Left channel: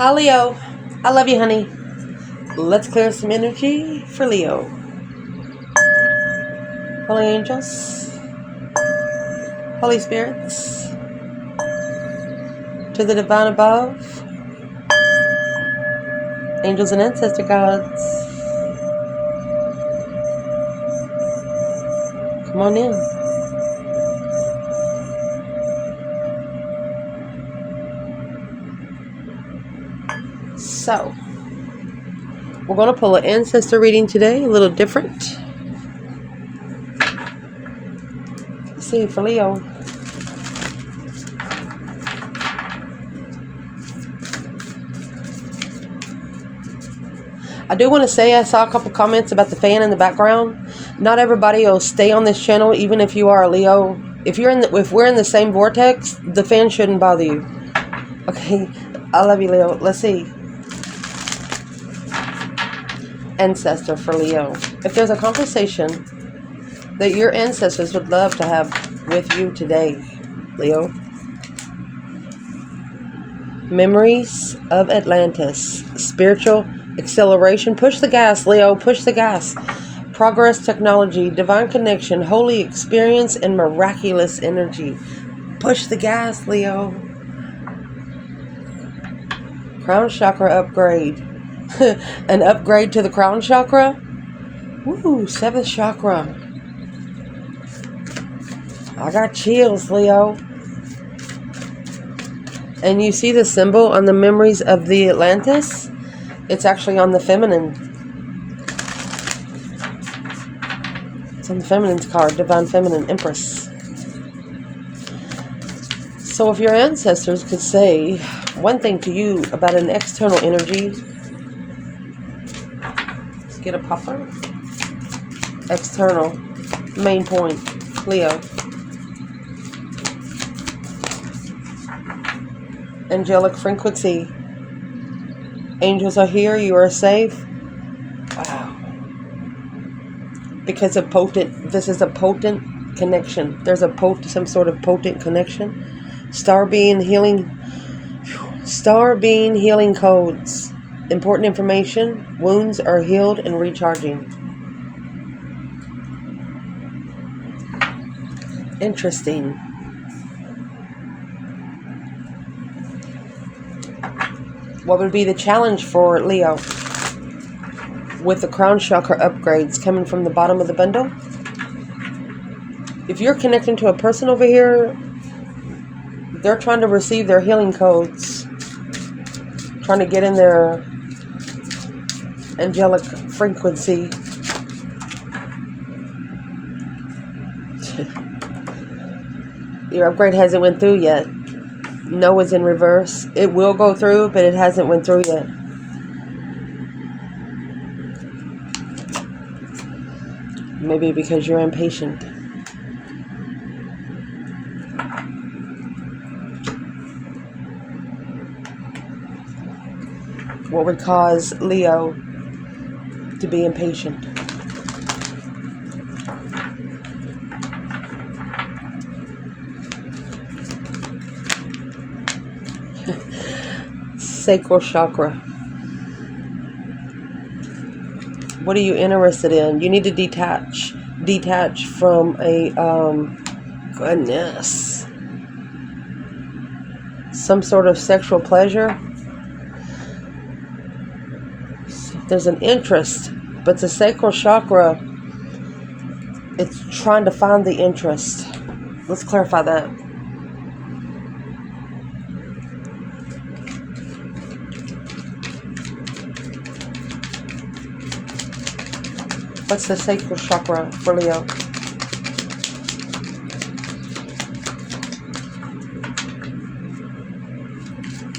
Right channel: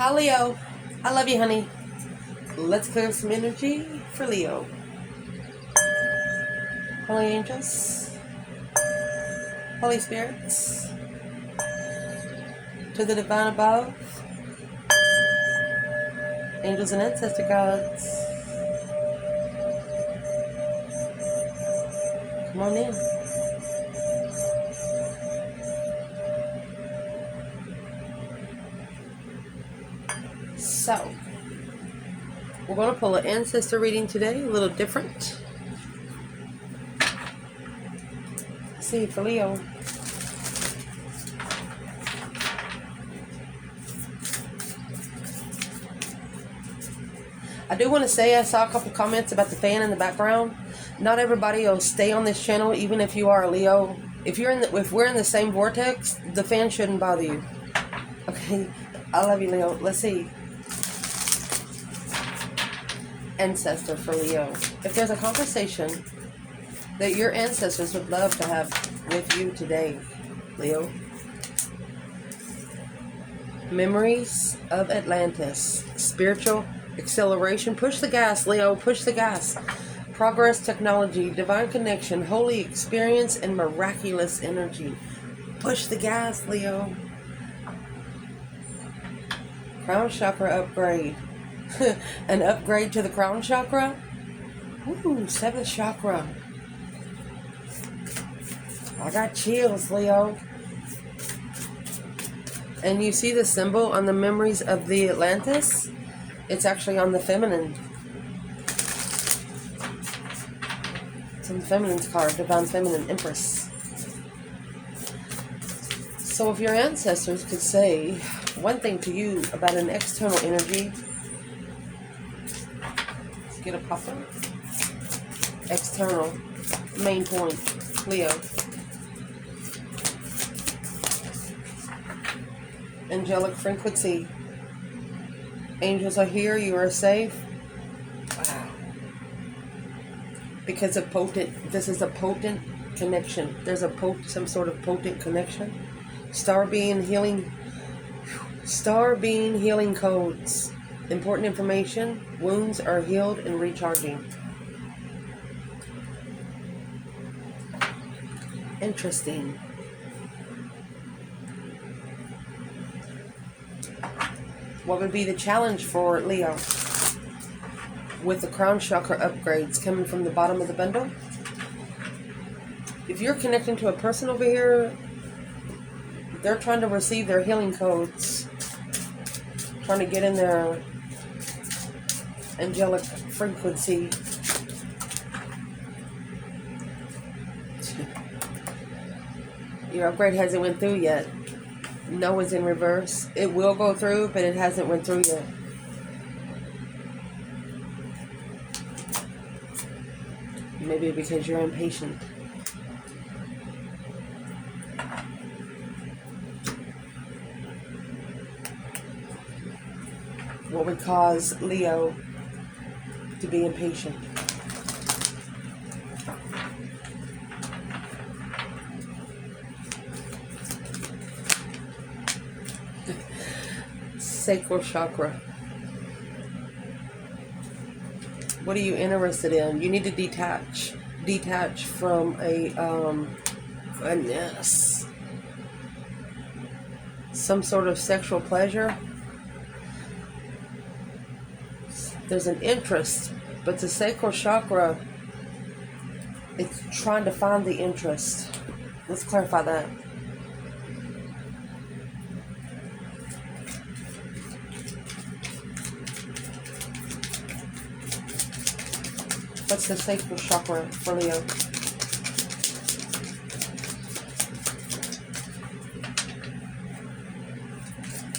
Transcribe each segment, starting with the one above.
Hi, Leo. I love you, honey. Let's clear some energy for Leo. Holy angels, Holy spirits, to the divine above, angels and ancestor gods, come on in. So, we're going to pull an ancestor reading today, a little different. Let's see, for Leo. I do want to say I saw a couple comments about the fan in the background. Not everybody will stay on this channel, even if you are a Leo. If we're in the same vortex, the fan shouldn't bother you. Okay, I love you, Leo. Let's see. Ancestor for Leo. If there's a conversation that your ancestors would love to have with you today, Leo. Memories of Atlantis. Spiritual acceleration. Push the gas, Leo. Push the gas. Progress, technology, divine connection, holy experience, and miraculous energy. Push the gas, Leo. Crown chakra upgrade. An upgrade to the crown chakra? Woo, 7th chakra. I got chills, Leo. And you see the symbol on the memories of the Atlantis? It's actually on the feminine. It's on the feminine's card, Divine Feminine, Empress. So if your ancestors could say one thing to you about an external energy, let's get a popper. External, main point, Leo. Angelic frequency. Angels are here. You are safe. Wow. Because this is a potent connection. There's some sort of potent connection. Star being healing codes. Important information. Wounds are healed and recharging. Interesting. What would be the challenge for Leo with the crown chakra upgrades coming from the bottom of the bundle? If you're connecting to a person over here, they're trying to receive their healing codes, trying to get in their angelic frequency. Your upgrade hasn't went through yet. No is in reverse. It will go through, but it hasn't went through yet. Maybe because you're impatient. What would cause Leo to be impatient? Sacral chakra. What are you interested in? You need to detach from a goodness, some sort of sexual pleasure. There's an interest, but the sacral chakra, it's trying to find the interest. Let's clarify that. What's the sacral chakra for Leo?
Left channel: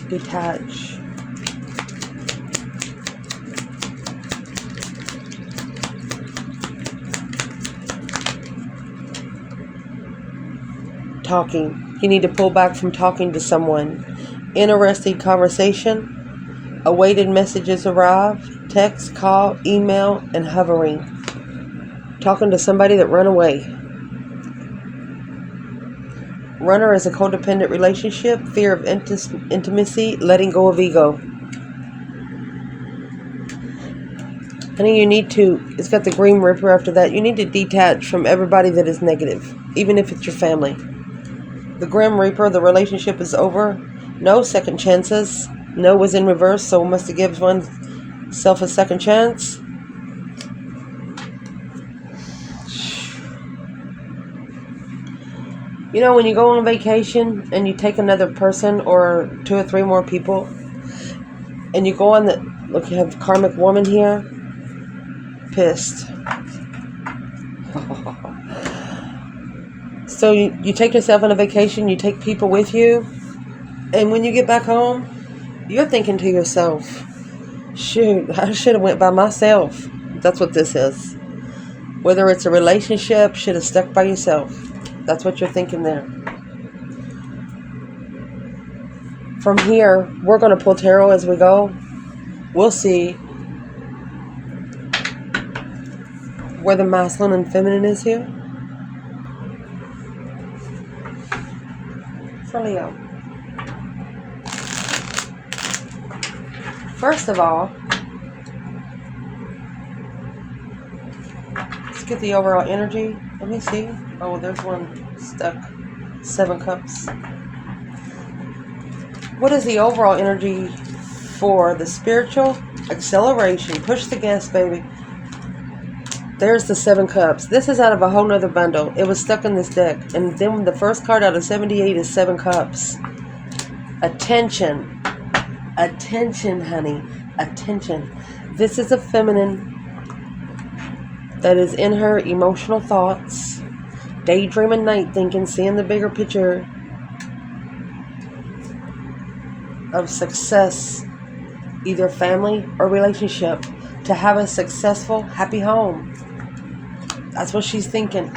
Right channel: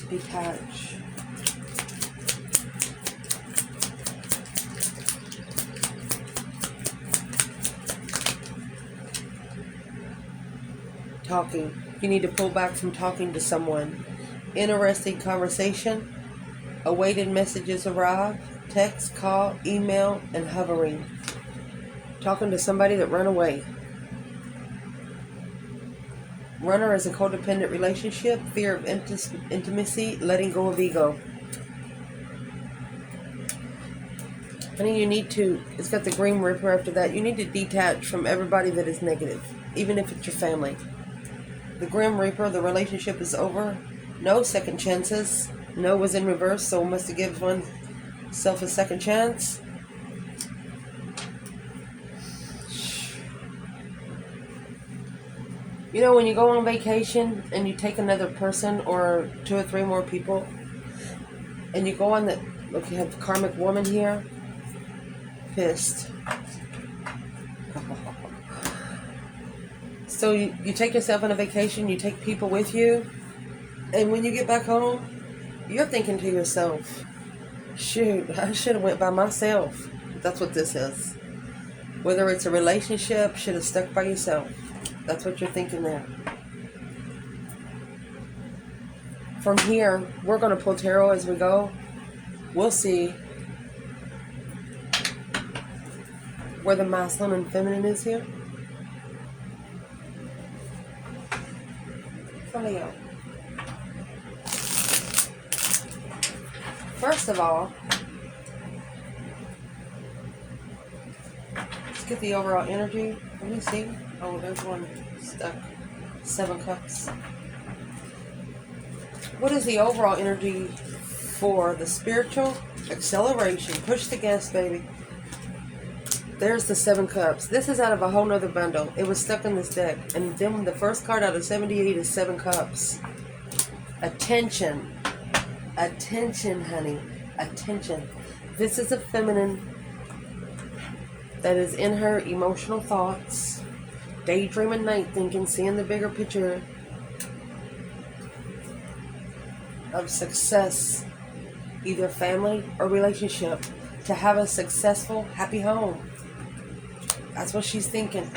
Detach. Talking. You need to pull back from talking to someone. Interesting conversation. Awaited messages arrive. Text, call, email, and hovering. Talking to somebody that ran away. Runner is a codependent relationship, fear of intimacy, letting go of ego. Honey, you need to, it's got the Green Ripper after that. You need to detach from everybody that is negative, even if it's your family. The Grim Reaper, the relationship is over. No second chances. No was in reverse, so must have given oneself a second chance. You know, when you go on vacation and you take another person or 2 or 3 more people, and you go on the, look, you have the karmic woman here, pissed. So you take yourself on a vacation, you take people with you, and when you get back home, you're thinking to yourself, shoot, I should have went by myself. That's what this is. Whether it's a relationship, should have stuck by yourself. That's what you're thinking there. From here, we're going to pull tarot as we go. We'll see where the masculine and feminine is here. For Leo. First of all, let's get the overall energy. Let me see. Oh, there's one stuck. 7 cups. What is the overall energy for the spiritual acceleration? Push the gas, baby. There's the 7 cups. This is out of a whole nother bundle. It was stuck in this deck. And then the first card out of 78 is 7 cups. Attention. Attention, honey. Attention. This is a feminine that is in her emotional thoughts. Daydreaming, night thinking, seeing the bigger picture of success, either family or relationship, to have a successful, happy home. That's what she's thinking.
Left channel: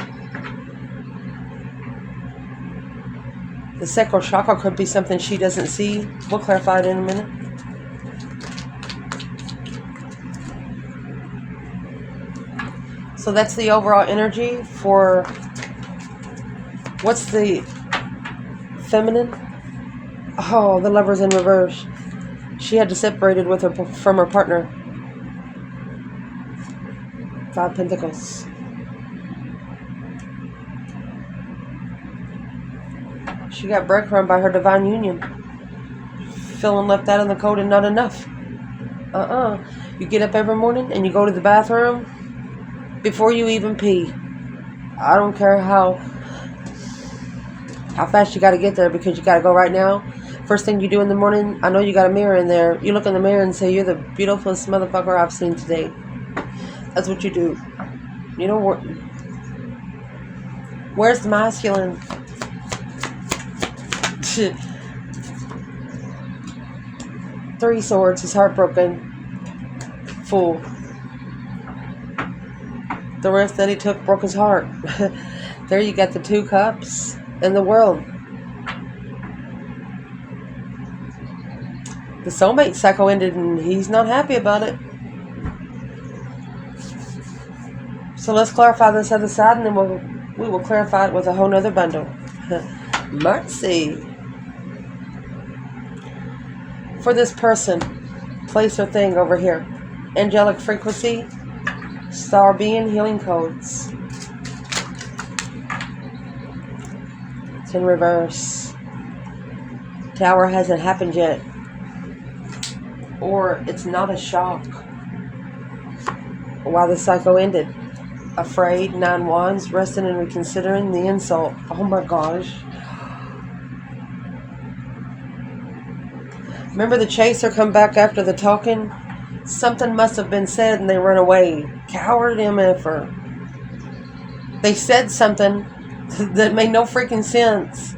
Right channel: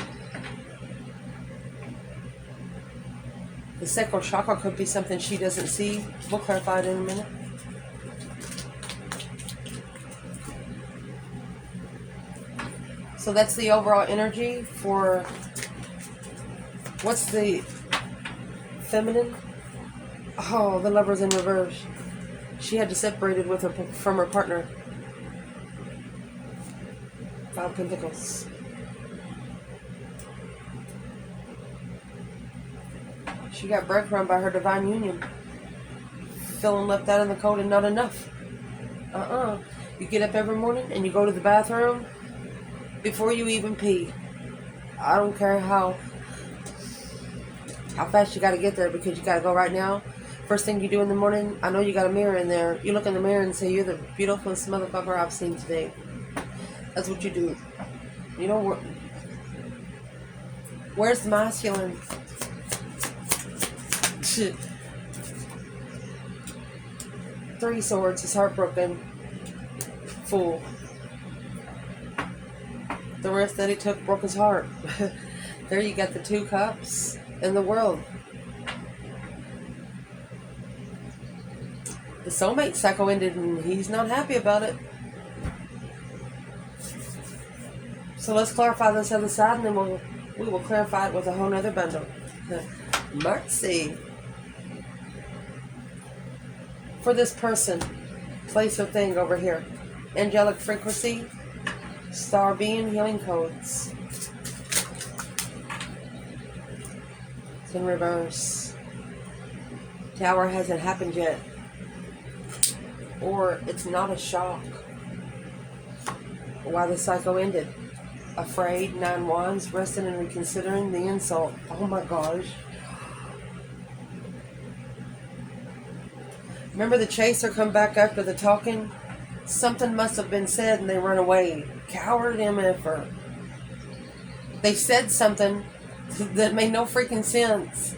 The sacral chakra could be something she doesn't see. We'll clarify it in a minute. So that's the overall energy for, what's the feminine? Oh, the Lover's in reverse. She had to separate it with her from her partner. 5 Pentacles. She got breadcrumbed by her divine union. Feeling left out in the cold and not enough. You get up every morning and you go to the bathroom before you even pee. I don't care how fast you got to get there, because you got to go right now. First thing you do in the morning, I know you got a mirror in there. You look in the mirror and say, you're the beautifulest motherfucker I've seen today. That's what you do. You know, where's the masculine? 3 swords, he's heartbroken. Fool. The risk that he took broke his heart. There you got the 2 cups and the world. The soulmate cycle ended and he's not happy about it. So let's clarify this other side, and then we will clarify it with a whole nother bundle. Mercy. For this person, place or thing over here. Angelic frequency, star being, healing codes. It's in reverse. Tower hasn't happened yet. Or it's not a shock. Why the cycle ended. Afraid, 9 wands, resting and reconsidering the insult. Oh my gosh. Remember the chaser come back after the talking? Something must have been said and they run away. Coward MFer. They said something that made no freaking sense.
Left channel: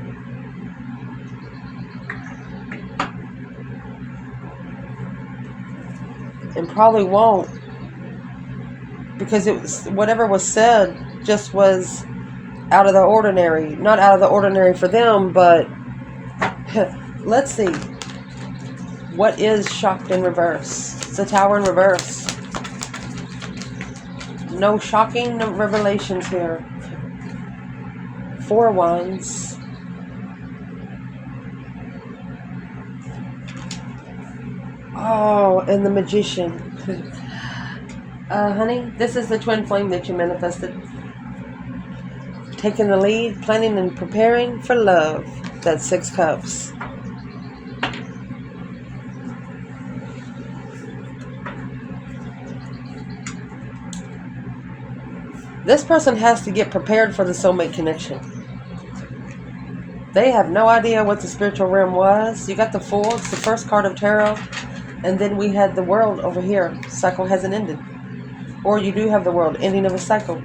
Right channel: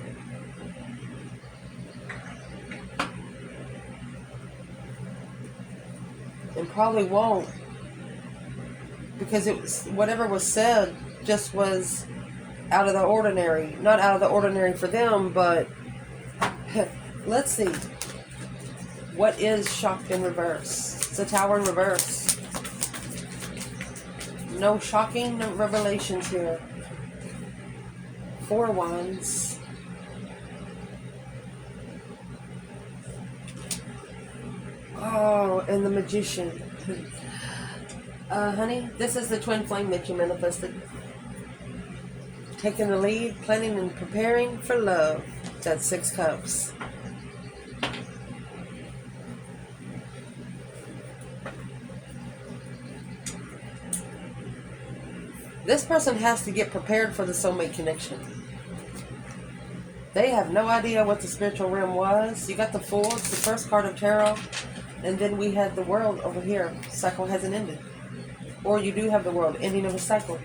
And probably won't. Because it was, whatever was said just was out of the ordinary. Not out of the ordinary for them, but let's see. What is shocked in reverse? It's a Tower in reverse. No shocking revelations here. 4 wands. Oh, and the Magician. Honey, this is the twin flame that you manifested. Taking the lead, planning and preparing for love. That's 6 cups. This person has to get prepared for the soulmate connection. They have no idea what the spiritual realm was. You got the Fool, it's the first card of Tarot. And then we had the World over here. Cycle hasn't ended. Or you do have the World, ending of a cycle.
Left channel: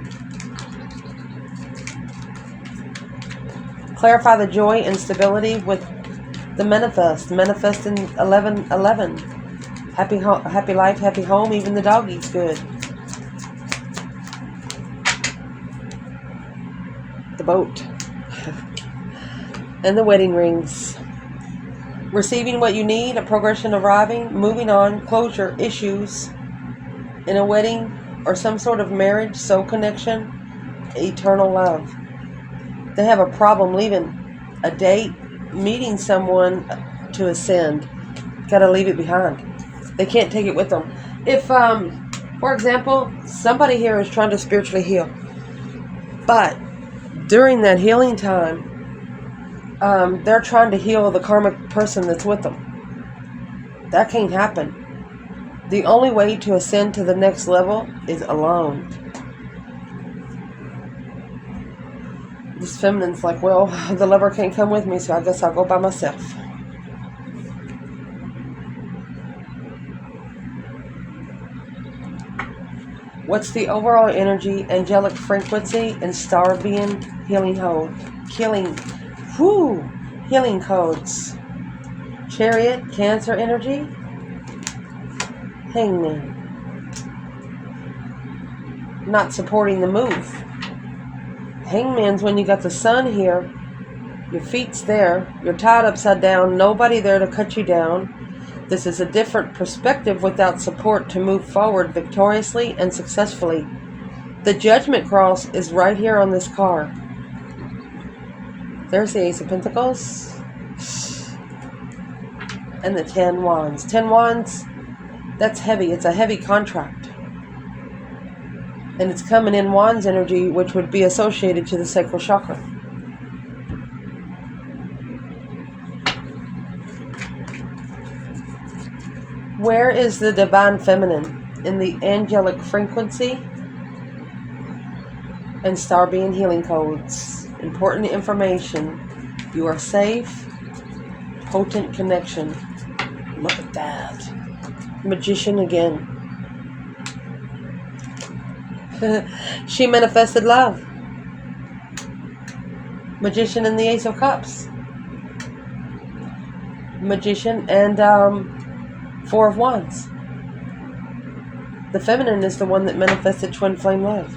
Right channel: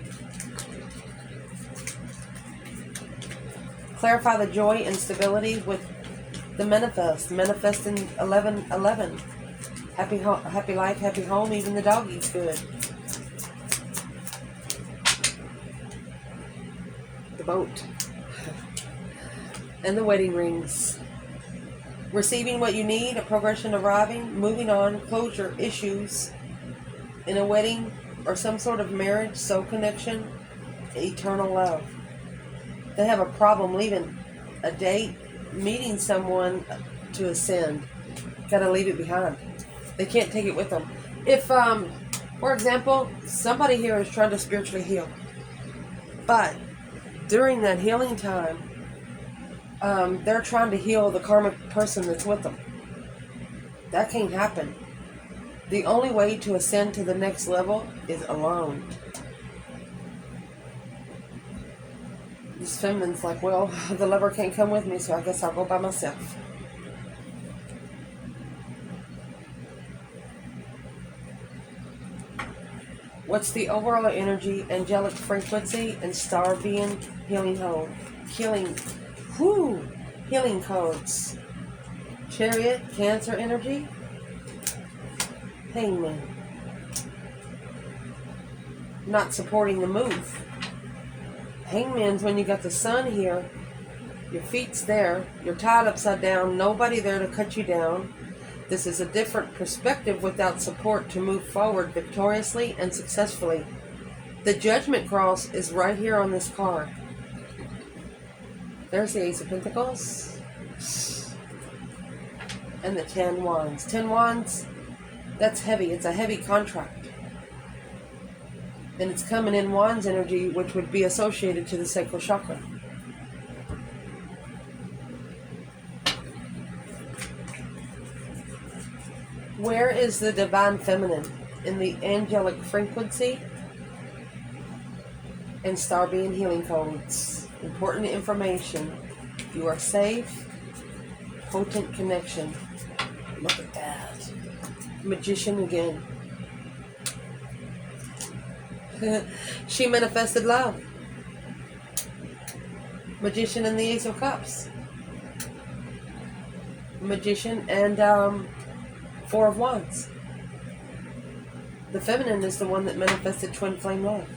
Clarify the joy and stability with the manifest. Manifest in 11:11. Happy life, happy home. Even the dog eats good. The boat. And the wedding rings. Receiving what you need, a progression arriving, moving on, closure, issues in a wedding or some sort of marriage, soul connection, eternal love. They have a problem leaving a date, meeting someone to ascend. Gotta leave it behind. They can't take it with them. If, for example, somebody here is trying to spiritually heal, but during that healing time, they're trying to heal the karmic person that's with them. That can't happen. The only way to ascend to the next level is alone. This feminine's like, well, the lover can't come with me, so I guess I'll go by myself. What's the overall energy, angelic frequency, and star being healing codes? Chariot, Cancer energy, Hangman. Not supporting the move. Hangman's when you got the sun here, your feet's there, you're tied upside down, nobody there to cut you down. This is a different perspective without support to move forward victoriously and successfully. The Judgment Cross is right here on this card. There's the Ace of Pentacles. And the 10 Wands. 10 Wands, that's heavy. It's a heavy contract. And it's coming in Wands energy, which would be associated to the sacral chakra. Where is the divine feminine? In the angelic frequency and star being healing codes. Important information. You are safe. Potent connection. Look at that. Magician again. She manifested love. Magician and the Ace of Cups. Magician and 4 of Wands. The feminine is the one that manifested twin flame love.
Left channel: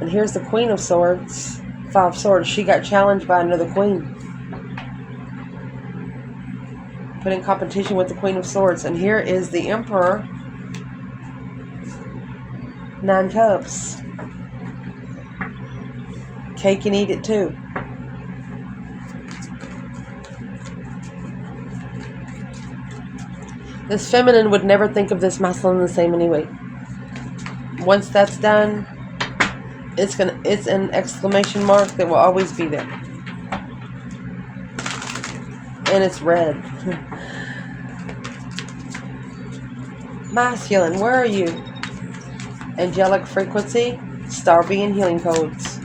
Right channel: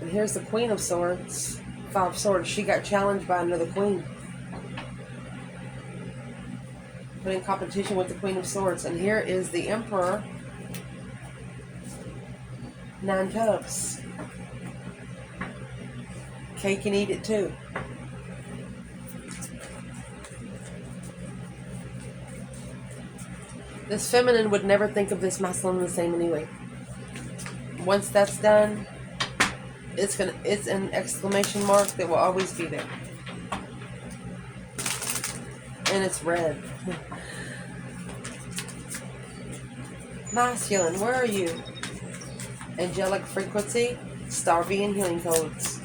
And here's the Queen of Swords. 5 Swords. She got challenged by another queen. Put in competition with the Queen of Swords. And here is the Emperor. 9 Cups. Cake and eat it too. This feminine would never think of this masculine the same anyway. Once that's done, it's an exclamation mark that will always be there. And it's red. Masculine, where are you? Angelic frequency, star being healing codes.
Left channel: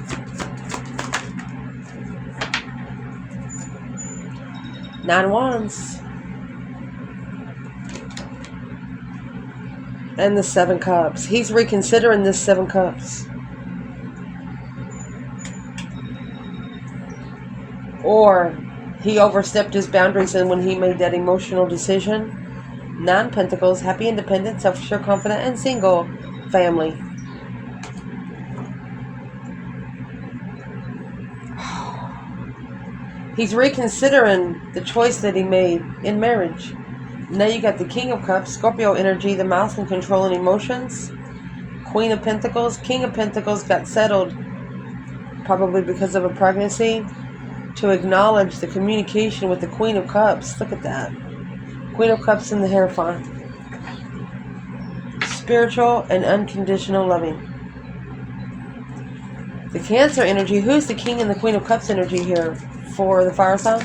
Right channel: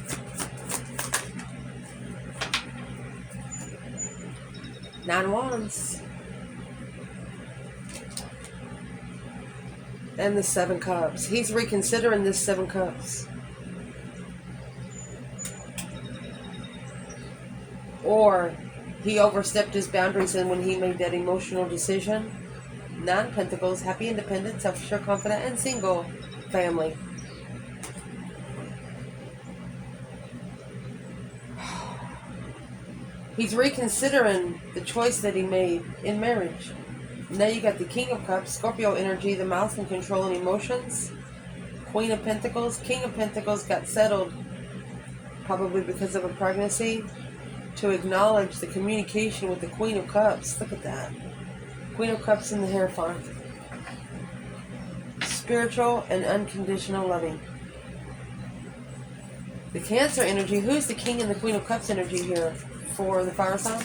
Nine Wands. And the 7 Cups. He's reconsidering this 7 Cups. Or he overstepped his boundaries and when he made that emotional decision. 9 Pentacles, happy, independent, self-assured, confident, and single. Family. He's reconsidering the choice that he made in marriage. Now you got the King of Cups, Scorpio energy, the mouse and controlling emotions. Queen of Pentacles. King of Pentacles got settled, probably because of a pregnancy, to acknowledge the communication with the Queen of Cups. Look at that. Queen of Cups in the Hierophant. spiritual, and unconditional loving. The Cancer energy. Who's the King and the Queen of Cups energy here for the fire sign?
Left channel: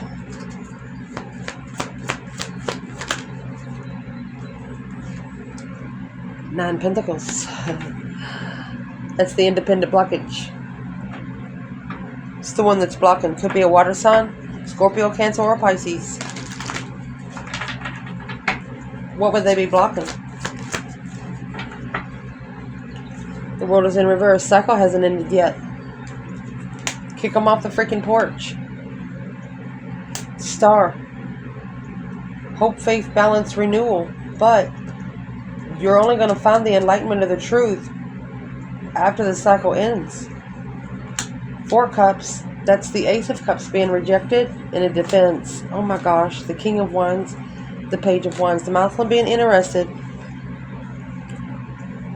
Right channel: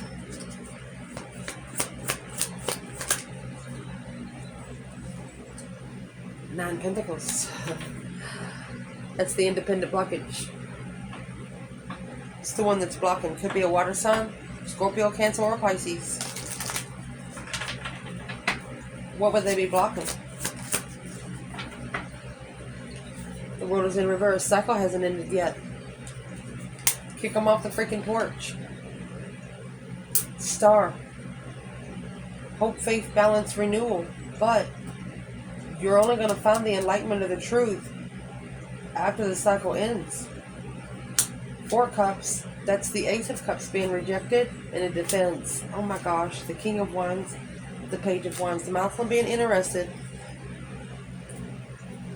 Nine Pentacles. That's the independent blockage. It's the one that's blocking. Could be a water sign, Scorpio, Cancer, or Pisces. What would they be blocking? The world is in reverse. Cycle hasn't ended yet. Kick them off the freaking porch. Star. Hope, faith, balance, renewal. But you're only going to find the enlightenment of the truth after the cycle ends. Four Cups. That's the Ace of Cups being rejected in a defense. Oh my gosh. The King of Wands. The Page of Wands. The masculine being interested.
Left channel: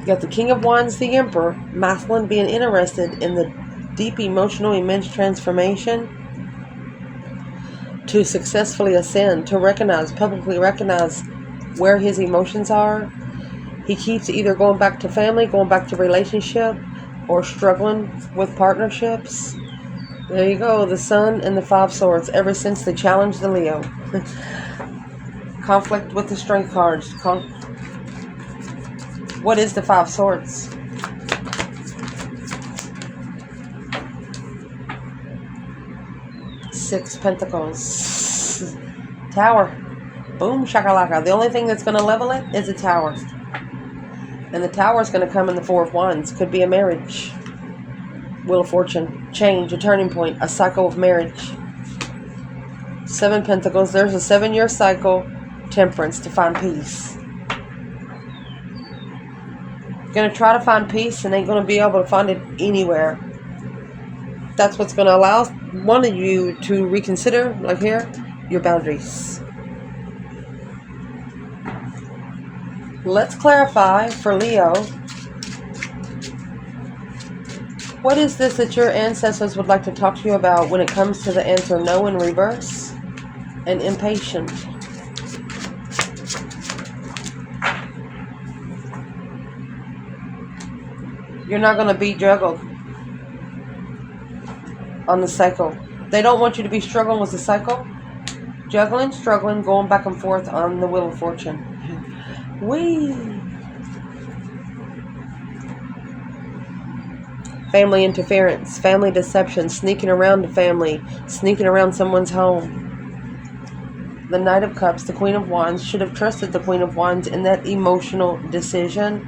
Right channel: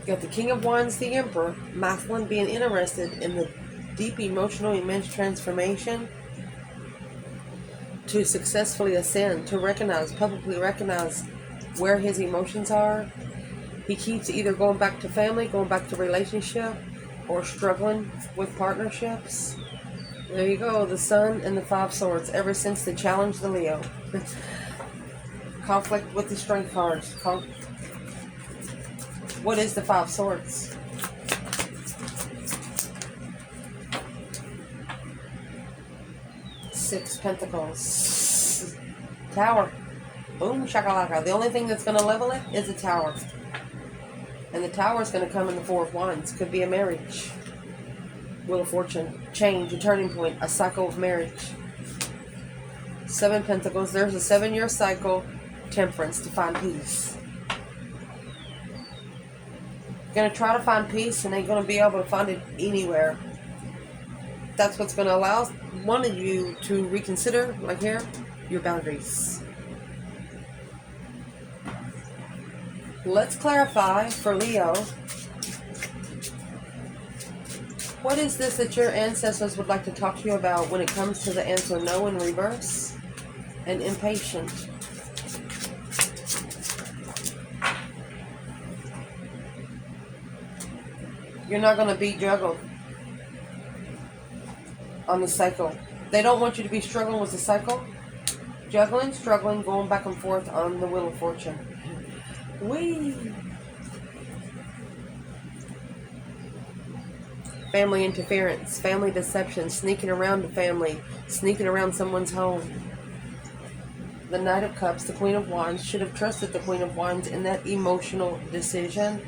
You got the King of Wands, the Emperor. Masculine being interested in the deep emotional immense transformation to successfully ascend, to recognize, publicly recognize where his emotions are. He keeps either going back to family, going back to relationship, or struggling with partnerships. There you go, the Sun and the Five Swords, ever since they challenged the Leo. Conflict with the Strength cards. What is the Five Swords? Six Pentacles. Tower. Boom shakalaka. The only thing that's going to level it is a tower. And the tower is going to come in the Four of Wands. Could be a marriage. Wheel of Fortune. Change. A turning point. A cycle of marriage. Seven Pentacles. There's a 7-year cycle. Temperance. To find peace. Going to try to find peace and ain't going to be able to find it anywhere. That's what's going to allow one of you to reconsider, like here, your boundaries. Let's clarify for Leo. What is this that your ancestors would like to talk to you about when it comes to the answer no in reverse and impatient? You're not going to be juggled on the cycle. They don't want you to be struggling with the cycle. Juggling, struggling, going back and forth on the Wheel of Fortune. Whee! Family interference, family deception, sneaking around the family, sneaking around someone's home. The Knight of Cups, the Queen of Wands, should have trusted the Queen of Wands in that emotional decision,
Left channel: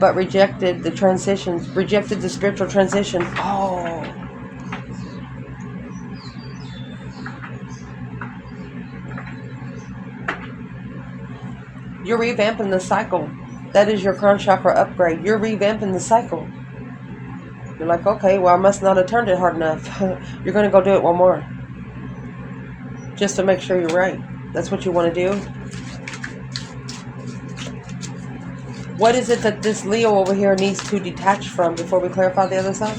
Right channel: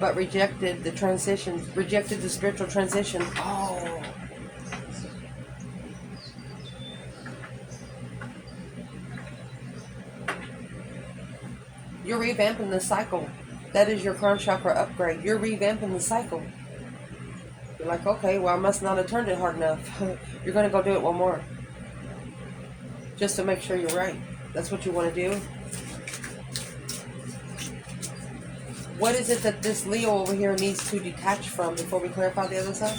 but rejected the transitions, rejected the spiritual transition. Oh. You're revamping the cycle. That is your crown chakra upgrade. You're revamping the cycle. You're like, okay, well, I must not have turned it hard enough. You're going to go do it one more. Just to make sure you're right. That's what you want to do. What is it that this Leo over here needs to detach from before we clarify the other side?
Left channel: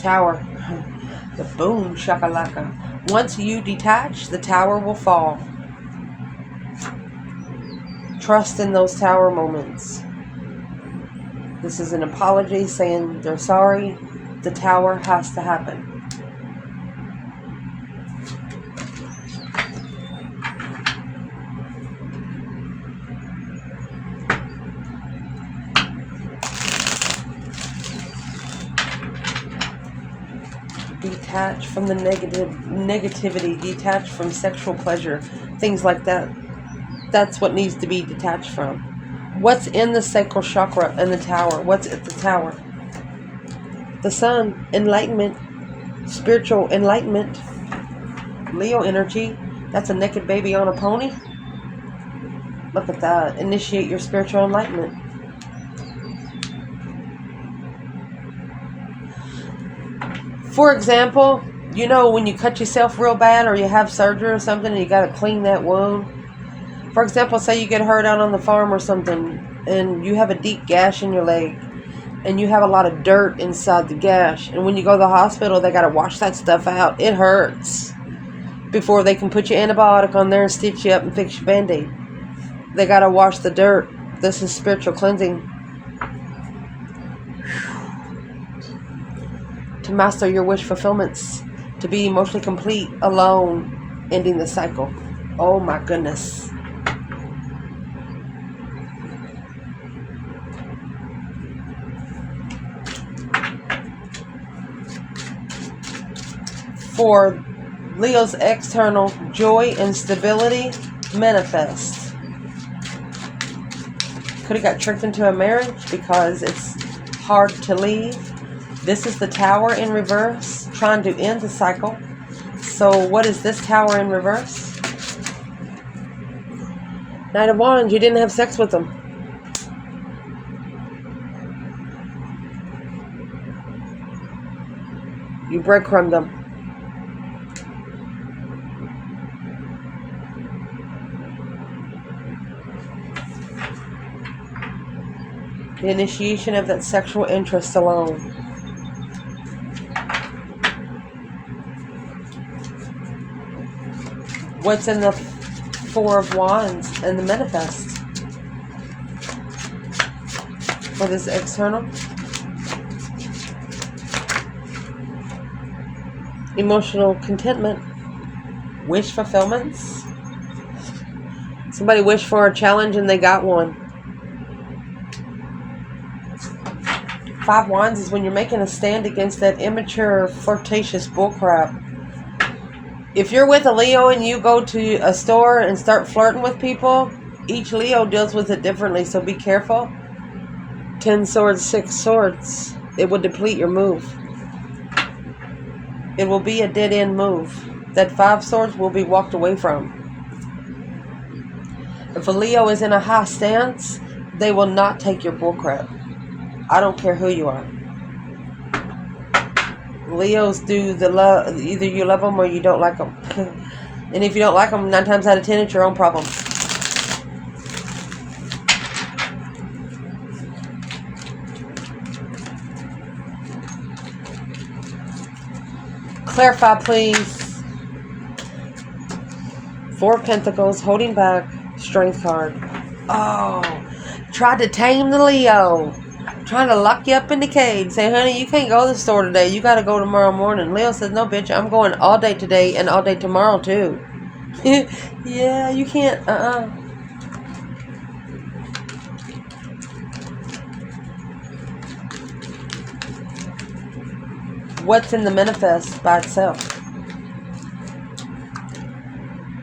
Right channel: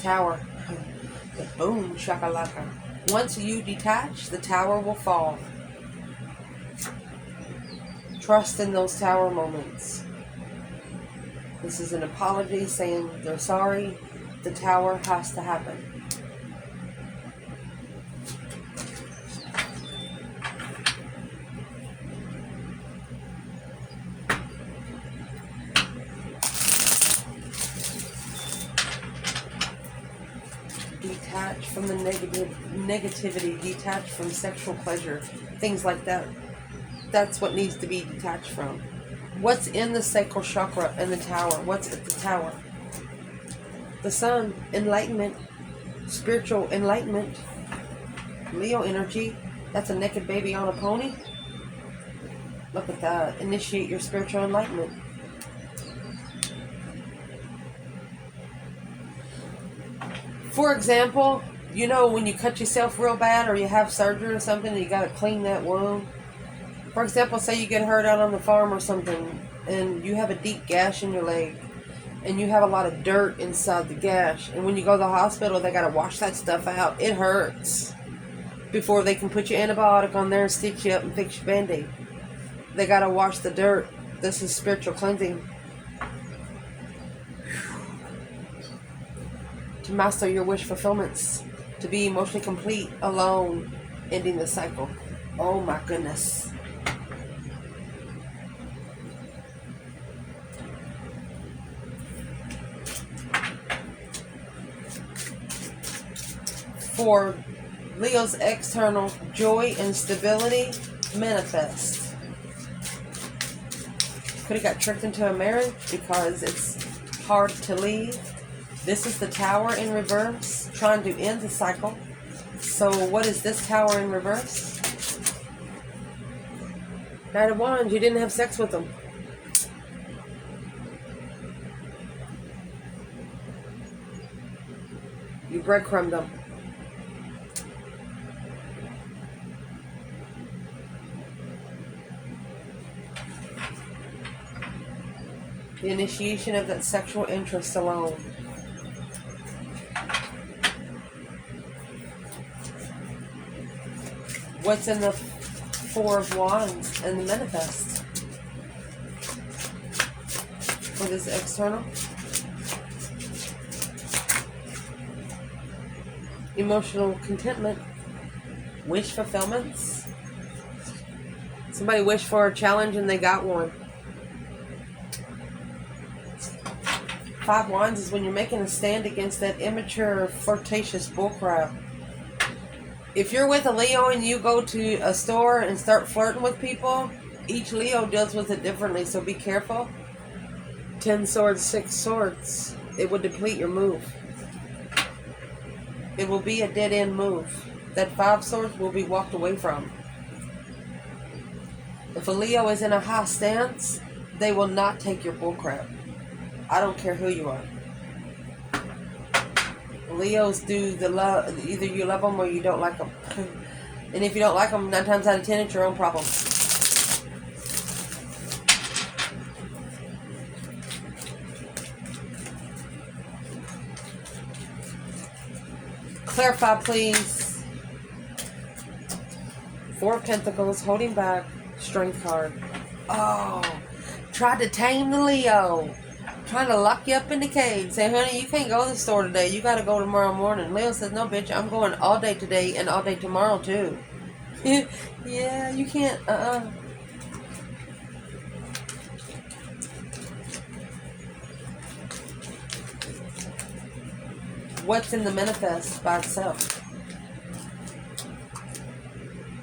Tower. The boom shakalaka. Once you detach, the tower will fall. Trust in those tower moments. This is an apology saying they're sorry. The tower has to happen. Detach from the negativity, detach from sexual pleasure, things like that. That's what needs to be detached from. What's in the sacral chakra and the tower? What's at the tower? The Sun, enlightenment, spiritual enlightenment. Leo energy, that's a naked baby on a pony. Look at that. Initiate your spiritual enlightenment. For example, you know when you cut yourself real bad or you have surgery or something and you got to clean that wound. For example, say you get hurt out on the farm or something and you have a deep gash in your leg and you have a lot of dirt inside the gash. And when you go to the hospital, they got to wash that stuff out. It hurts. before they can put your antibiotic on there and stitch you up and fix your band-aid. They gotta wash the dirt. This is spiritual cleansing. To master your wish fulfillments. To be emotionally complete, alone, ending the cycle. Oh my goodness. For Leo's external, joy and stability manifest. Could have got tricked into a marriage because it's hard to leave. This is the Tower in reverse, trying to end the cycle. So what is this Tower in reverse? Knight of Wands, you didn't have sex with them. You breadcrumbed them. The initiation of that sexual interest alone. What's in the Four of Wands and the manifest? For this external? Emotional contentment. Wish fulfillments. Somebody wished for a challenge and they got one. Five Wands is when you're making a stand against that immature, flirtatious bullcrap. If you're with a Leo and you go to a store and start flirting with people, each Leo deals with it differently, so be careful. 10 swords, 6 swords. It will deplete your move. It will be a dead-end move. That 5 swords will be walked away from. If a Leo is in a high stance, they will not take your bullcrap. I don't care who you are. Leos do the love. Either you love them or you don't like them. And if you don't like them, 9 times out of 10, it's your own problem. Clarify, please. 4 of Pentacles, holding back, Strength card. Oh, tried to tame the Leo. Trying to lock you up in the cage. Say, honey, you can't go to the store today. You got to go tomorrow morning. Leo says, no, bitch, I'm going all day today and all day tomorrow, too. Yeah, you can't. What's in the manifest by itself?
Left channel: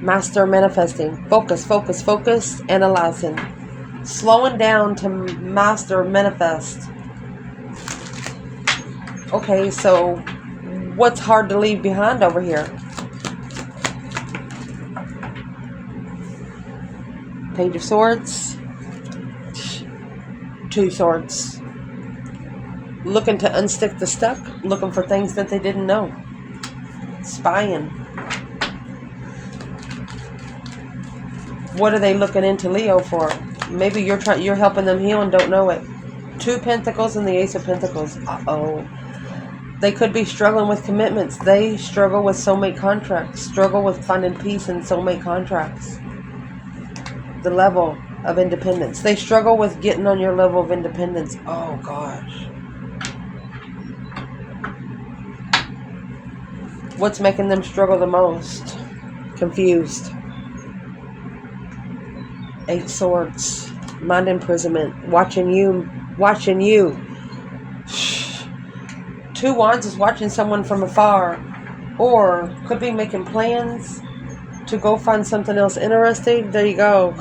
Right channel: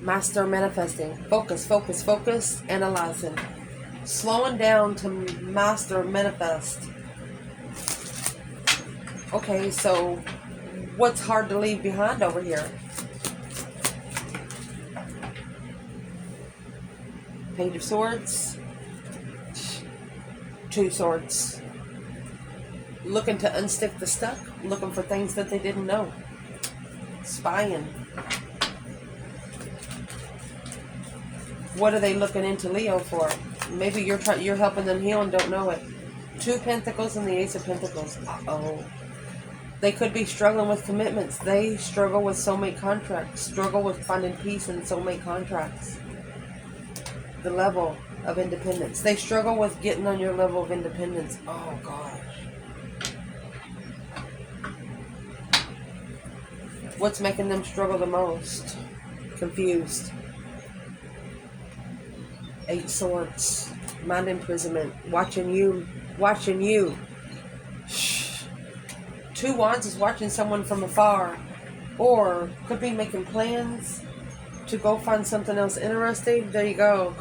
Master manifesting. Focus, focus, focus. Analyzing. Slowing down to master manifest. Okay, so what's hard to leave behind over here? Page of Swords. 2 swords. Looking to unstick the stuck. Looking for things that they didn't know. Spying. What are they looking into Leo for? Maybe you're helping them heal and don't know it. 2 Pentacles and the Ace of Pentacles. Uh-oh. They could be struggling with commitments. They struggle with soulmate contracts. Struggle with finding peace in soulmate contracts. The level of independence. They struggle with getting on your level of independence. Oh, gosh. What's making them struggle the most? Confused. 8 swords. Mind imprisonment. Watching you. 2 wands is watching someone from afar. Or could be making plans to go find something else interesting. There you go.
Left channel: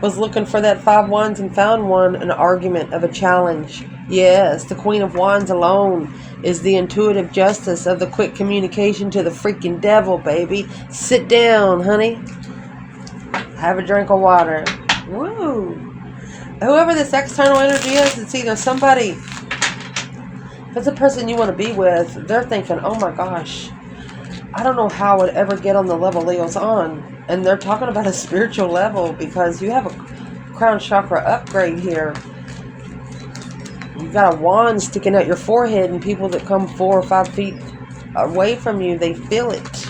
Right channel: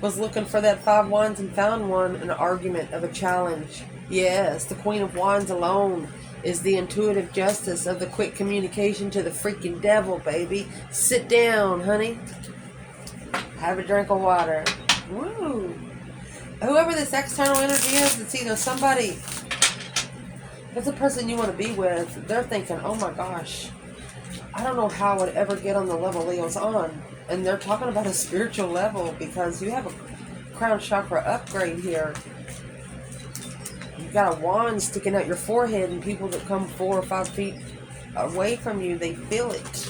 Was looking for that 5 wands and found one. An argument of a challenge. Yes, the Queen of Wands alone is the intuitive justice of the quick communication to the freaking devil, baby. Sit down, honey. Have a drink of water. Woo! Whoever this external energy is, it's either somebody, if it's a person you want to be with, they're thinking, oh my gosh, I don't know how I would ever get on the level Leo's on. And they're talking about a spiritual level because you have a crown chakra upgrade here. You got a wand sticking out your forehead, and people that come 4 or 5 feet away from you, they feel it.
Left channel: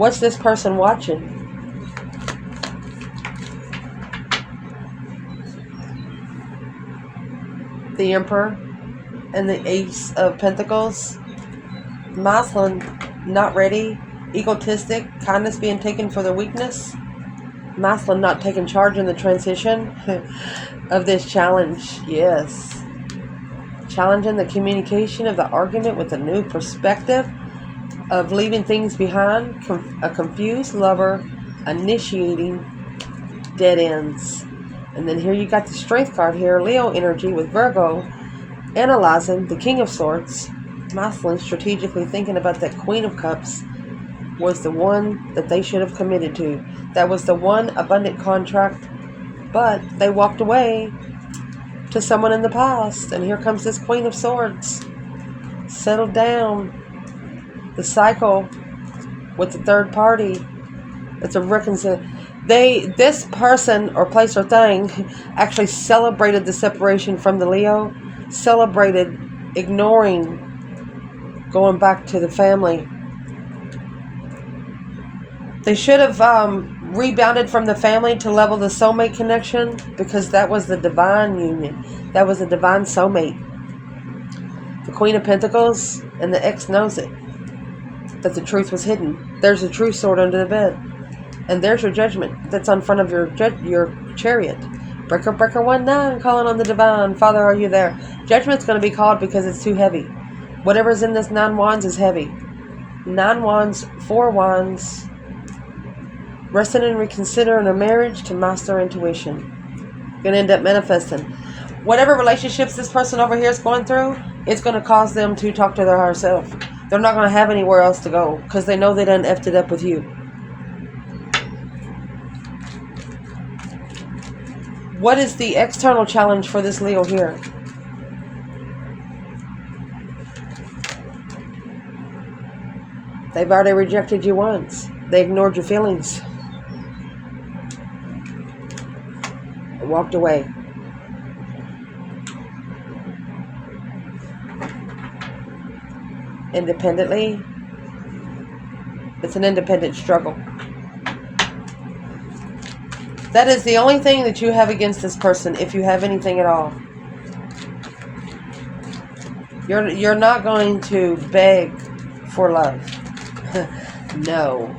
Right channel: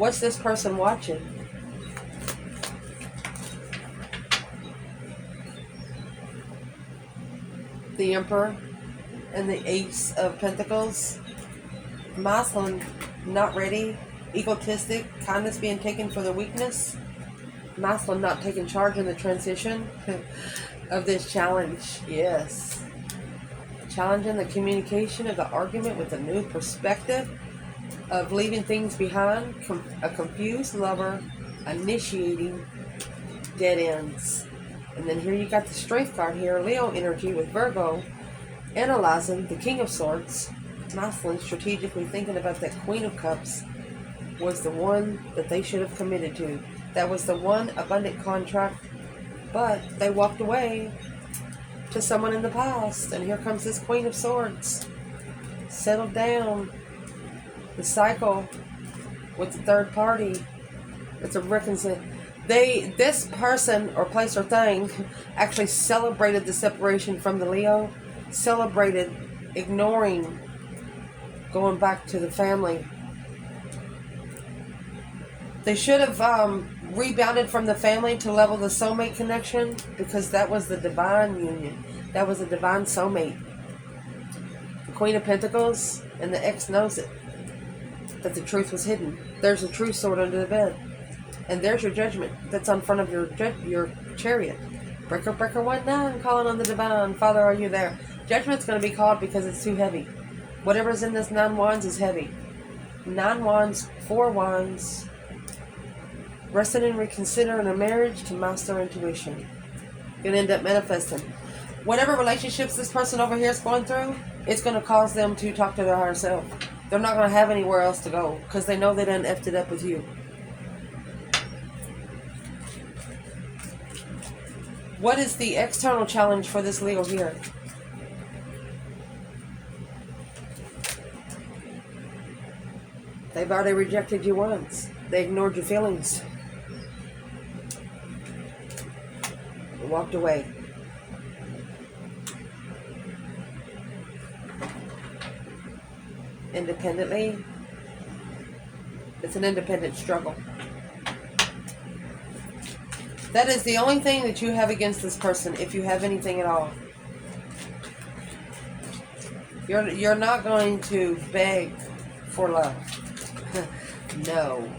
What's this person watching? The Emperor and the Ace of Pentacles. Masculine, not ready. Egotistic, kindness being taken for their weakness. Masculine not taking charge in the transition of this challenge. Yes. Challenging the communication of the argument with a new perspective of leaving things behind. A confused lover initiating dead ends. And then here you got the Strength card here. Leo energy with Virgo. Analyzing the King of Swords. Masculine strategically thinking about that Queen of Cups was the one that they should have committed to. That was the one abundant contract, but they walked away to someone in the past. And here comes this Queen of Swords. Settled down. The cycle with the third party. It's a reconciliation. This person or place or thing actually celebrated the separation from the Leo. Celebrated ignoring going back to the family. They should have rebounded from the family to level the soulmate connection, because that was the divine union. That was the divine soulmate. The Queen of Pentacles, and the ex knows it. That the truth was hidden. There's a true sword under the bed. And there's your judgment that's on front of your chariot. Breaker, breaker, 1-9, calling on the divine. Father, are you there? Judgment's going to be called because it's too heavy. Whatever's in this 9 wands is heavy. 9 wands, 4 wands. Resting and reconsidering a marriage to master intuition. Going to end up manifesting. Whatever relationships this person over here is going through, it's going to cause them to talk to their higher self. They're not going to have anywhere else to go because they know they done effed it up with you. What is the external challenge for this Leo here? They've already rejected you once. They ignored your feelings. Walked away. Independently. It's an independent struggle. That is the only thing that you have against this person, if you have anything at all. You're not going to beg for love. No.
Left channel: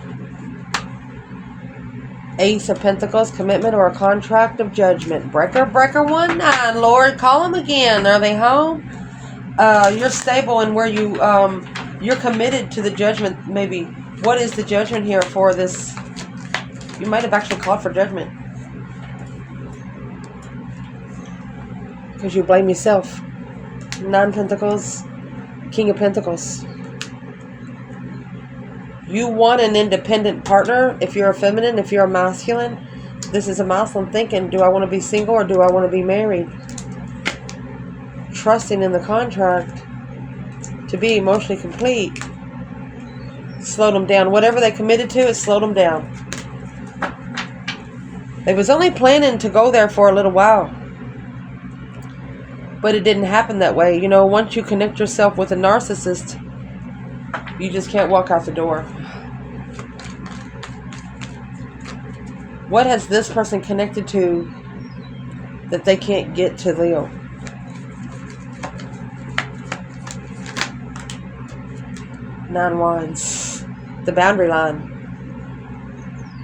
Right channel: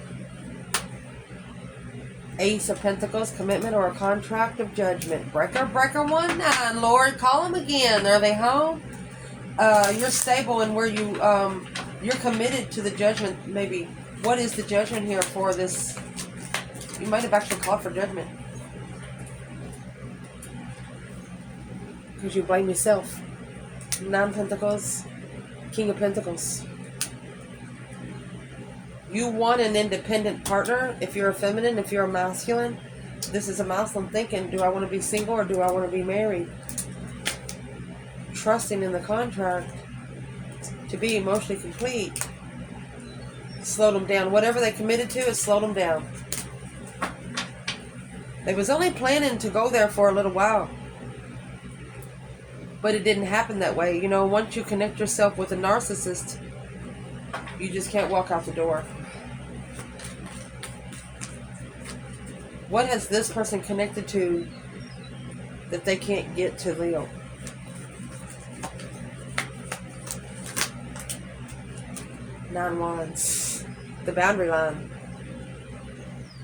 Ace of Pentacles, commitment or a contract of judgment. Breaker, breaker, 1-9. Lord, call them again. Are they home? You're stable in where you're committed to the judgment. Maybe. What is the judgment here for this? You might have actually called for judgment. Because you blame yourself. 9 Pentacles, King of Pentacles. You want an independent partner if you're a feminine, if you're a masculine. This is a masculine thinking, do I want to be single or do I want to be married? Trusting in the contract to be emotionally complete. Slowed them down. Whatever they committed to, it slowed them down. They was only planning to go there for a little while. But it didn't happen that way. You know, once you connect yourself with a narcissist, you just can't walk out the door. What has this person connected to that they can't get to Leo? Nine Wands. The boundary line.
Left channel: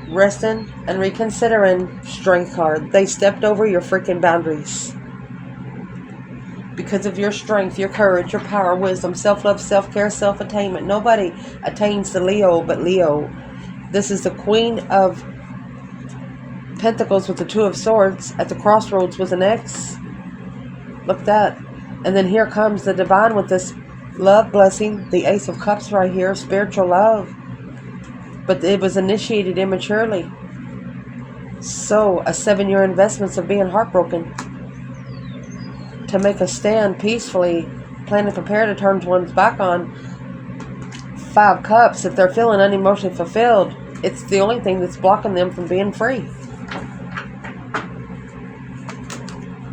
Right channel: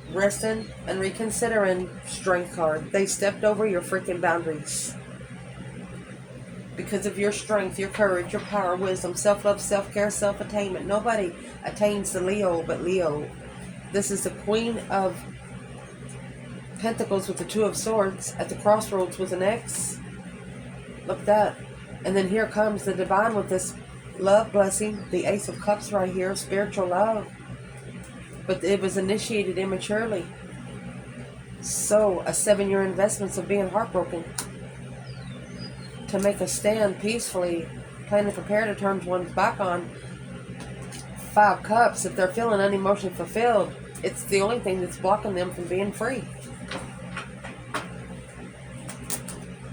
Resting and reconsidering. Strength card. They stepped over your freaking boundaries. Because of your strength, your courage, your power, wisdom, self-love, self-care, self-attainment. Nobody attains the Leo but Leo. This is the Queen of Pentacles with the 2 of Swords at the crossroads with an X. Look at that. And then here comes the divine with this love blessing. The Ace of Cups right here. Spiritual love. But it was initiated immaturely. So, a 7-year investment of being heartbroken. To make a stand peacefully, plan and prepare to turn one's back on. 5 Cups, if they're feeling unemotionally fulfilled, it's the only thing that's blocking them from being free.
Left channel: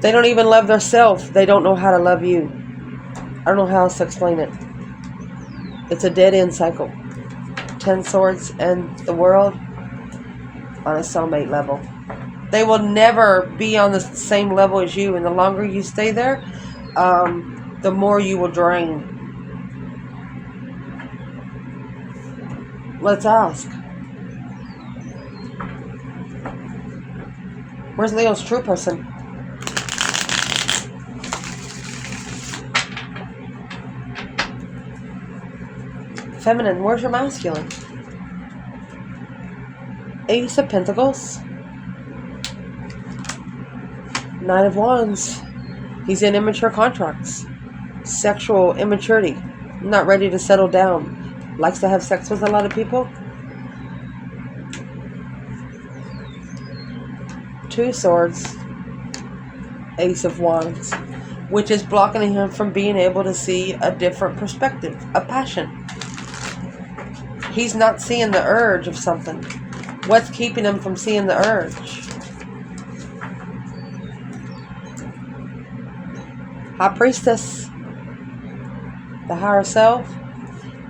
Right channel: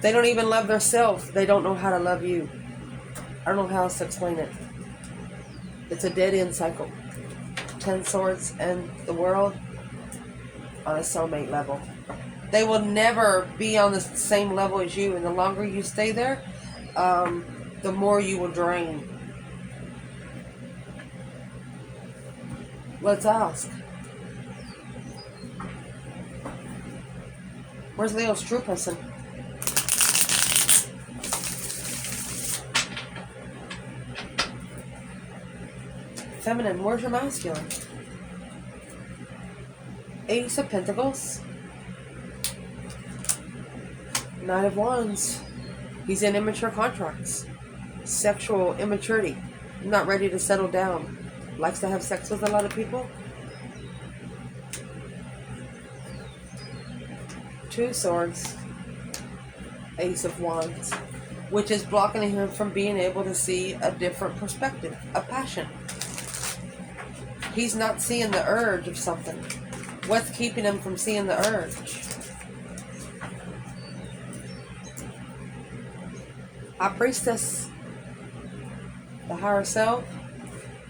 They don't even love themselves. They don't know how to love you. I don't know how else to explain it. It's a dead end cycle. 10 Swords and the World on a soulmate level. They will never be on the same level as you, and the longer you stay there, the more you will drain. Let's ask. Where's Leo's true person? Feminine, where's your masculine? Ace of Pentacles. Knight of Wands. He's in immature contracts. Sexual immaturity. Not ready to settle down. Likes to have sex with a lot of people. 2 Swords. Ace of Wands. Which is blocking him from being able to see a different perspective. A passion. He's not seeing the urge of something. What's keeping him from seeing the urge? High Priestess. The higher self.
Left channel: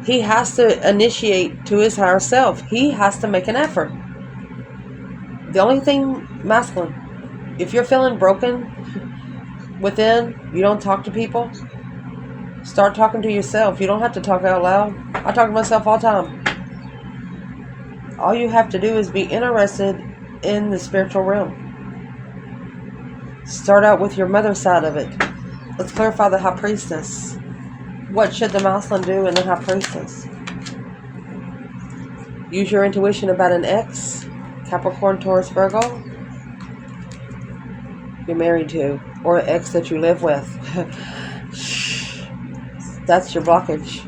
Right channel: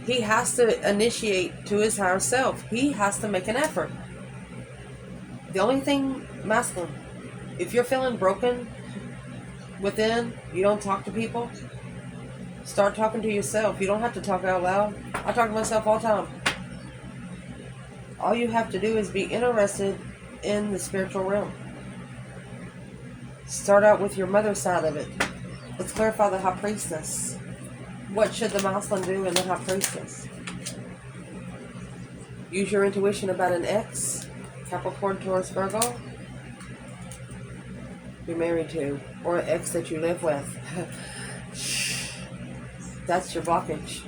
He has to initiate to his higher self. He has to make an effort. The only thing masculine, if you're feeling broken within, you don't talk to people, start talking to yourself. You don't have to talk out loud. I talk to myself all the time. All you have to do is be interested in the spiritual realm. Start out with your mother side of it. Let's clarify the High Priestess. What should the masculine do in the High Priestess? Use your intuition about an ex, Capricorn, Taurus, Virgo, you're married to, or an ex that you live with. That's your blockage.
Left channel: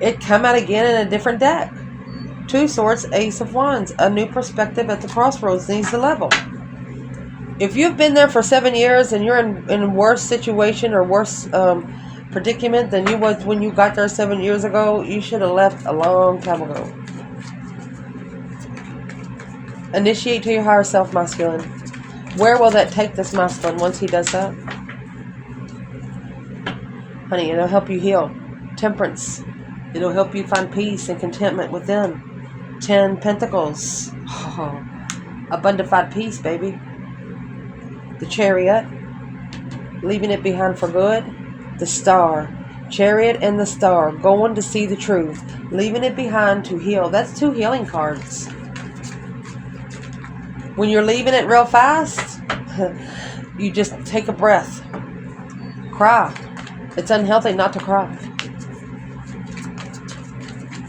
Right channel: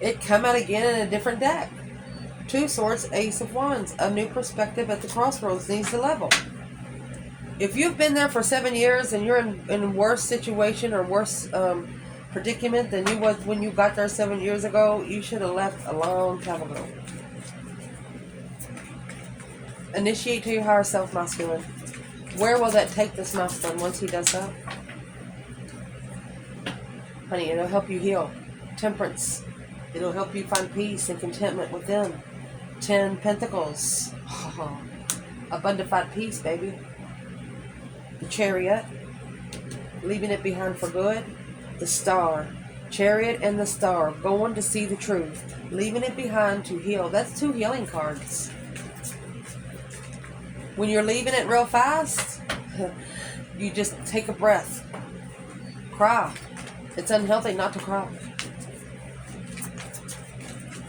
It come out again in a different deck. 2 Swords, Ace of Wands. A new perspective at the crossroads needs to level. If you've been there for 7 years and you're in a worse situation or worse predicament than you was when you got there 7 years ago, you should have left a long time ago. Initiate to your higher self, masculine. Where will that take this masculine once he does that? Honey, it'll help you heal. Temperance. It'll help you find peace and contentment within. 10 Pentacles. Oh, abundified peace, baby. The Chariot. Leaving it behind for good. The Star. Chariot and the Star. Going to see the truth. Leaving it behind to heal. That's 2 healing cards. When you're leaving it real fast, you just take a breath. Cry. It's unhealthy not to cry.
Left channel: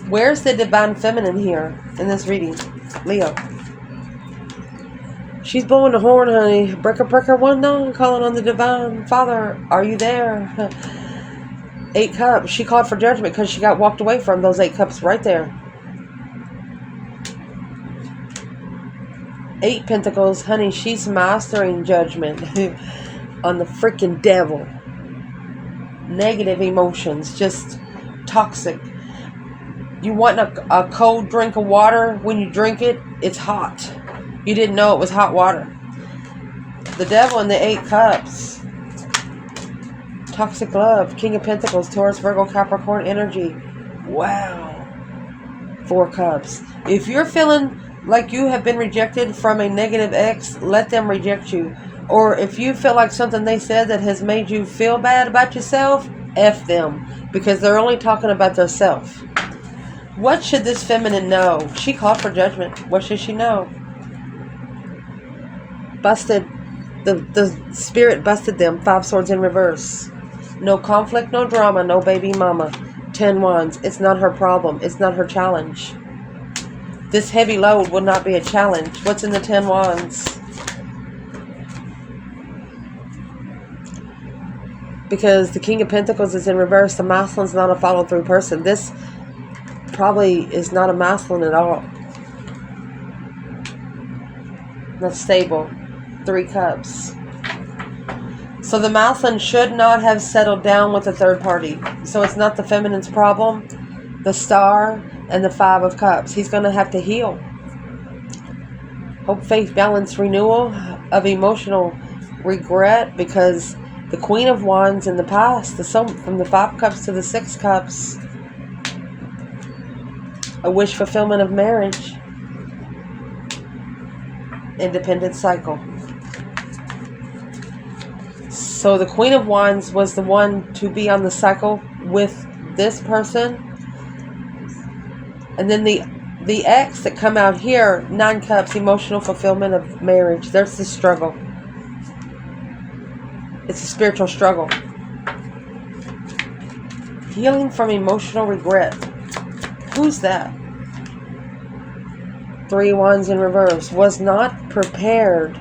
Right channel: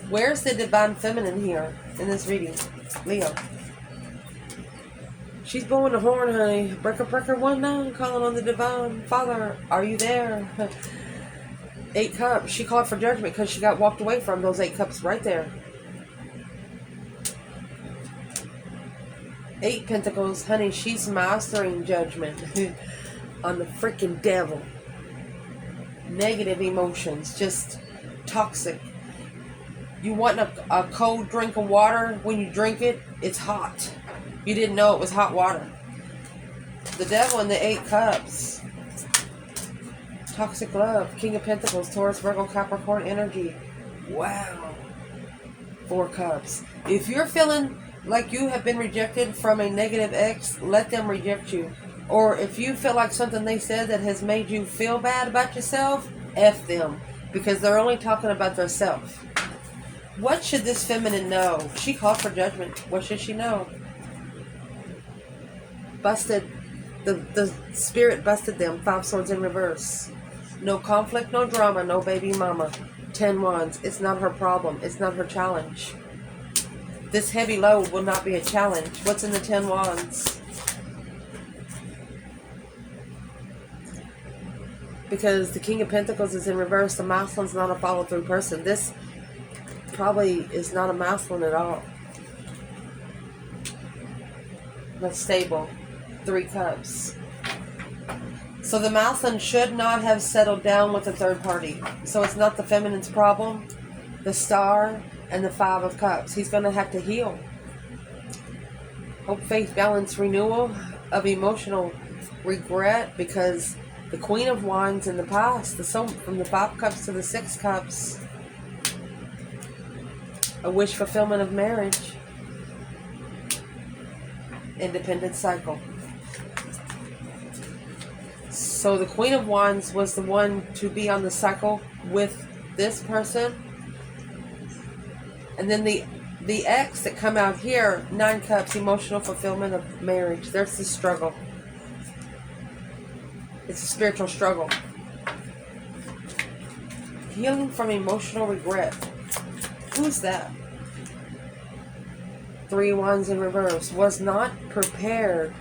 Where's the divine feminine here in this reading? Leo. She's blowing the horn, honey. Breaker, breaker, 1-9. Calling on the divine Father. Are you there? 8 Cups. She called for judgment because she got walked away from those 8 Cups right there. 8 Pentacles. Honey, she's mastering judgment on the freaking devil. Negative emotions. Just toxic. You want a cold drink of water. When you drink it, it's hot. You didn't know it was hot water. The devil and the 8 Cups. Toxic love. King of Pentacles. Taurus, Virgo, Capricorn energy. Wow. 4 Cups. If you're feeling like you have been rejected from a negative ex, let them reject you. Or if you feel like something they said that has made you feel bad about yourself, F them. Because they're only talking about their self. What should this feminine know? She called for judgment. What should she know? Busted. The spirit busted them. 5 Swords in reverse. No conflict, no drama, no baby mama. 10 Wands. It's not her problem. It's not her challenge. This heavy load will not be a challenge. What's in the 10 Wands? Because the King of Pentacles is in reverse. The masculine's not a follow-through person. This probably is not a masculine at all. That's stable. 3 Cups. So the masculine should not have settled down with a third party. So it's not the feminine's problem. The Star and the 5 of Cups. He's going to have to heal. Hope, faith, balance, renewal of emotional regret, because the Queen of Wands in the past, from the 5 Cups to the 6 Cups. A wish fulfillment of marriage. Independent cycle. So the Queen of Wands was the one to be on the cycle with this person. And then the X that come out here, 9 Cups, emotional fulfillment of marriage. There's the struggle. It's a spiritual struggle. Healing from emotional regret. Who's that? 3 Wands in reverse. Was not prepared.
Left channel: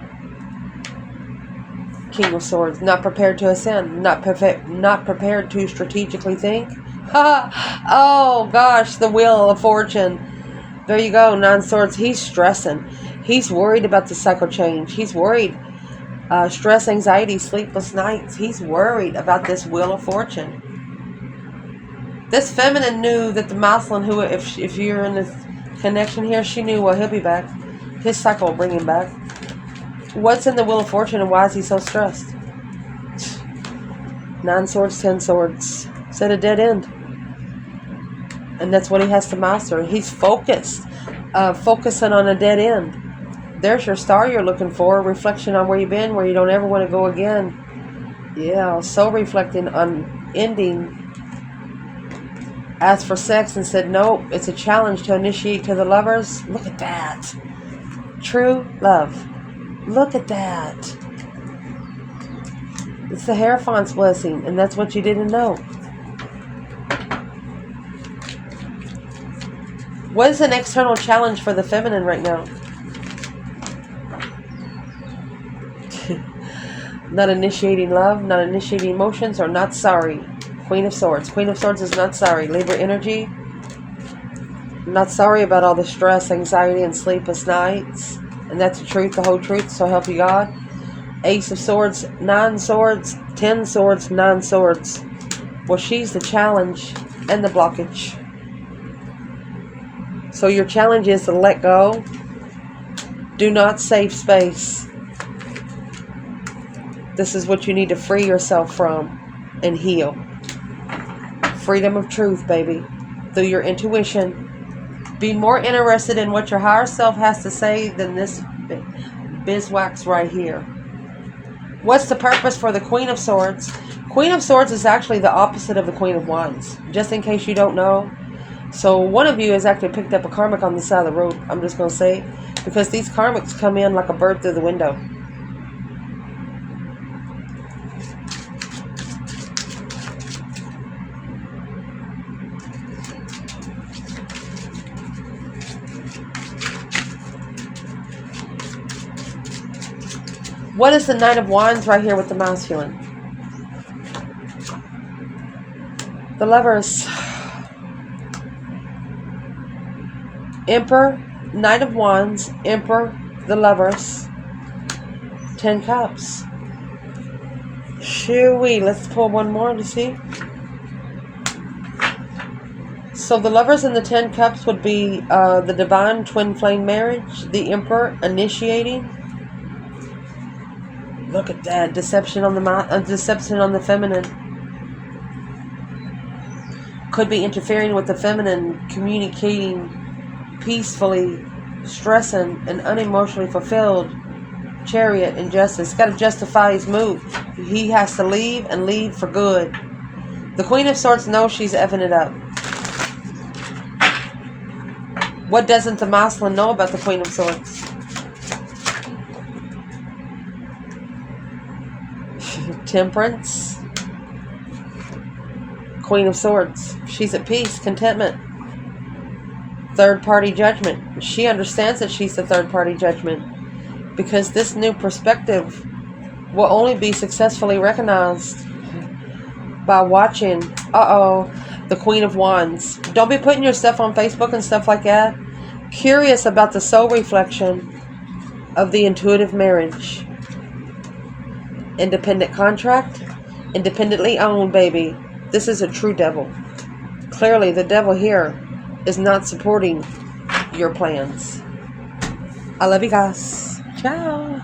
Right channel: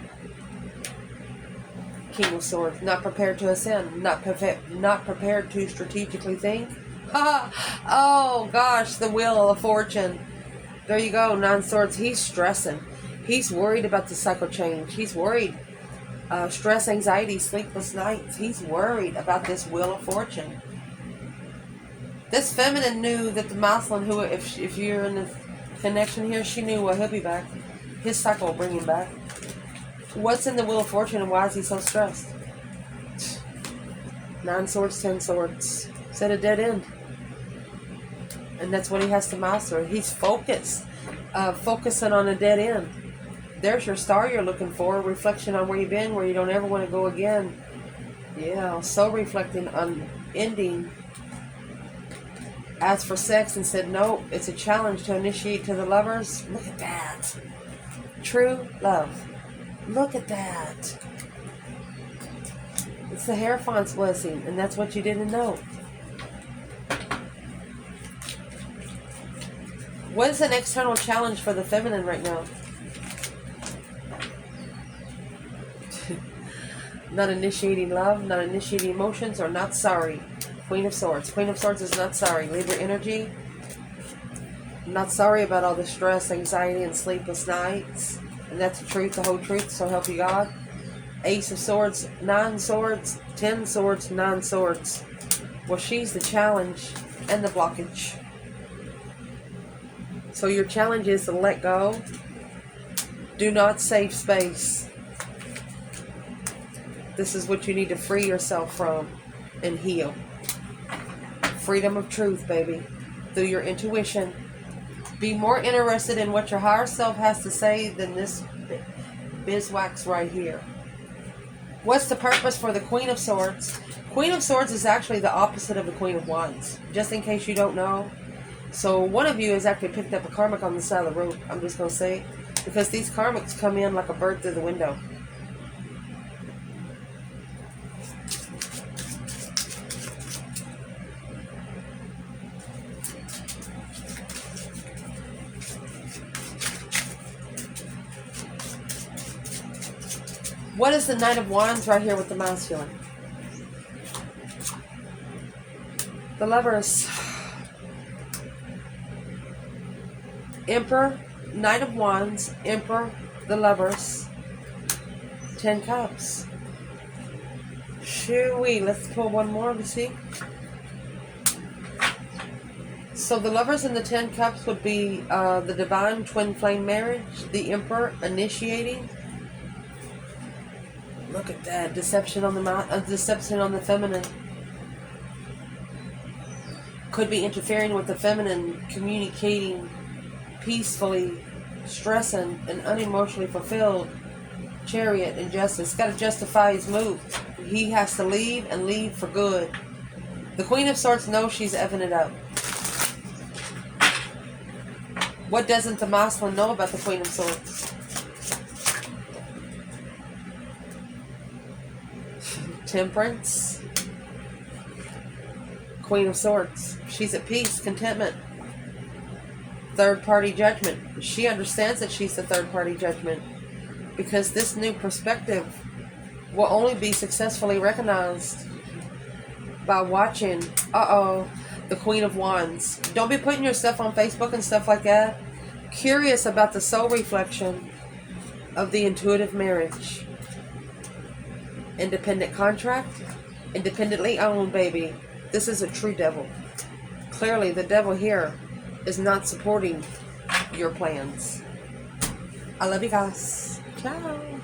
King of Swords. Not prepared to ascend. Not prepared to strategically think. Oh gosh, the Wheel of Fortune. There you go, 9 Swords. He's stressing. He's worried about the cycle change. He's worried. Stress, anxiety, sleepless nights. He's worried about this Wheel of Fortune. This feminine knew that the masculine, who, if you're in this connection here, she knew, well, he'll be back. His cycle will bring him back. What's in the Wheel of Fortune and why is he so stressed? 9 Swords, 10 Swords. It's at a dead end. And that's what he has to master. He's focused. Focusing on a dead end. There's your star you're looking for. Reflection on where you've been, where you don't ever want to go again. Yeah, so reflecting on ending. Asked for sex and said, nope, it's a challenge to initiate to the lovers. Look at that. True love. Look at that. It's the Hierophant's blessing, and that's what you didn't know. What is an external challenge for the feminine right now? Not initiating love, not initiating emotions, or not sorry. Queen of Swords. Queen of Swords is not sorry. Libra energy. Not sorry about all the stress, anxiety, and sleepless nights. And that's the truth, the whole truth, so help you God. Ace of Swords, 9 Swords, 10 Swords, 9 Swords. Well, she's the challenge and the blockage. So your challenge is to let go. Do not save space. This is what you need to free yourself from and heal. Freedom of truth, baby. Through your intuition. Be more interested in what your higher self has to say than this beeswax right here. What's the purpose for the Queen of Swords? Queen of Swords is actually the opposite of the Queen of Wands. Just in case you don't know. So one of you has actually picked up a karmic on the side of the road. I'm just going to say. Because these karmics come in like a bird through the window. What is the Knight of Wands right here with the masculine? The Lovers. Emperor, Knight of Wands, Emperor, the Lovers. 10 Cups. Shoo-wee. Let's pull one more to see. So the Lovers and the 10 Cups would be the Divine Twin Flame Marriage, the Emperor initiating. Look at that. Deception on the feminine. Could be interfering with the feminine, communicating peacefully, stressing, and unemotionally fulfilled. Chariot, injustice. Got to justify his move. He has to leave and leave for good. The Queen of Swords knows she's effing it up. What doesn't the masculine know about the Queen of Swords? Temperance. Queen of Swords. She's at peace, contentment. Third party judgment. She understands that she's the third party judgment. Because this new perspective will only be successfully recognized by watching, the Queen of Wands. Don't be putting your stuff on Facebook and stuff like that. Curious about the soul reflection of the intuitive marriage. Independent contract. Independently owned, baby. This is a true devil. Clearly, the devil here is not supporting your plans. I love you guys. Ciao.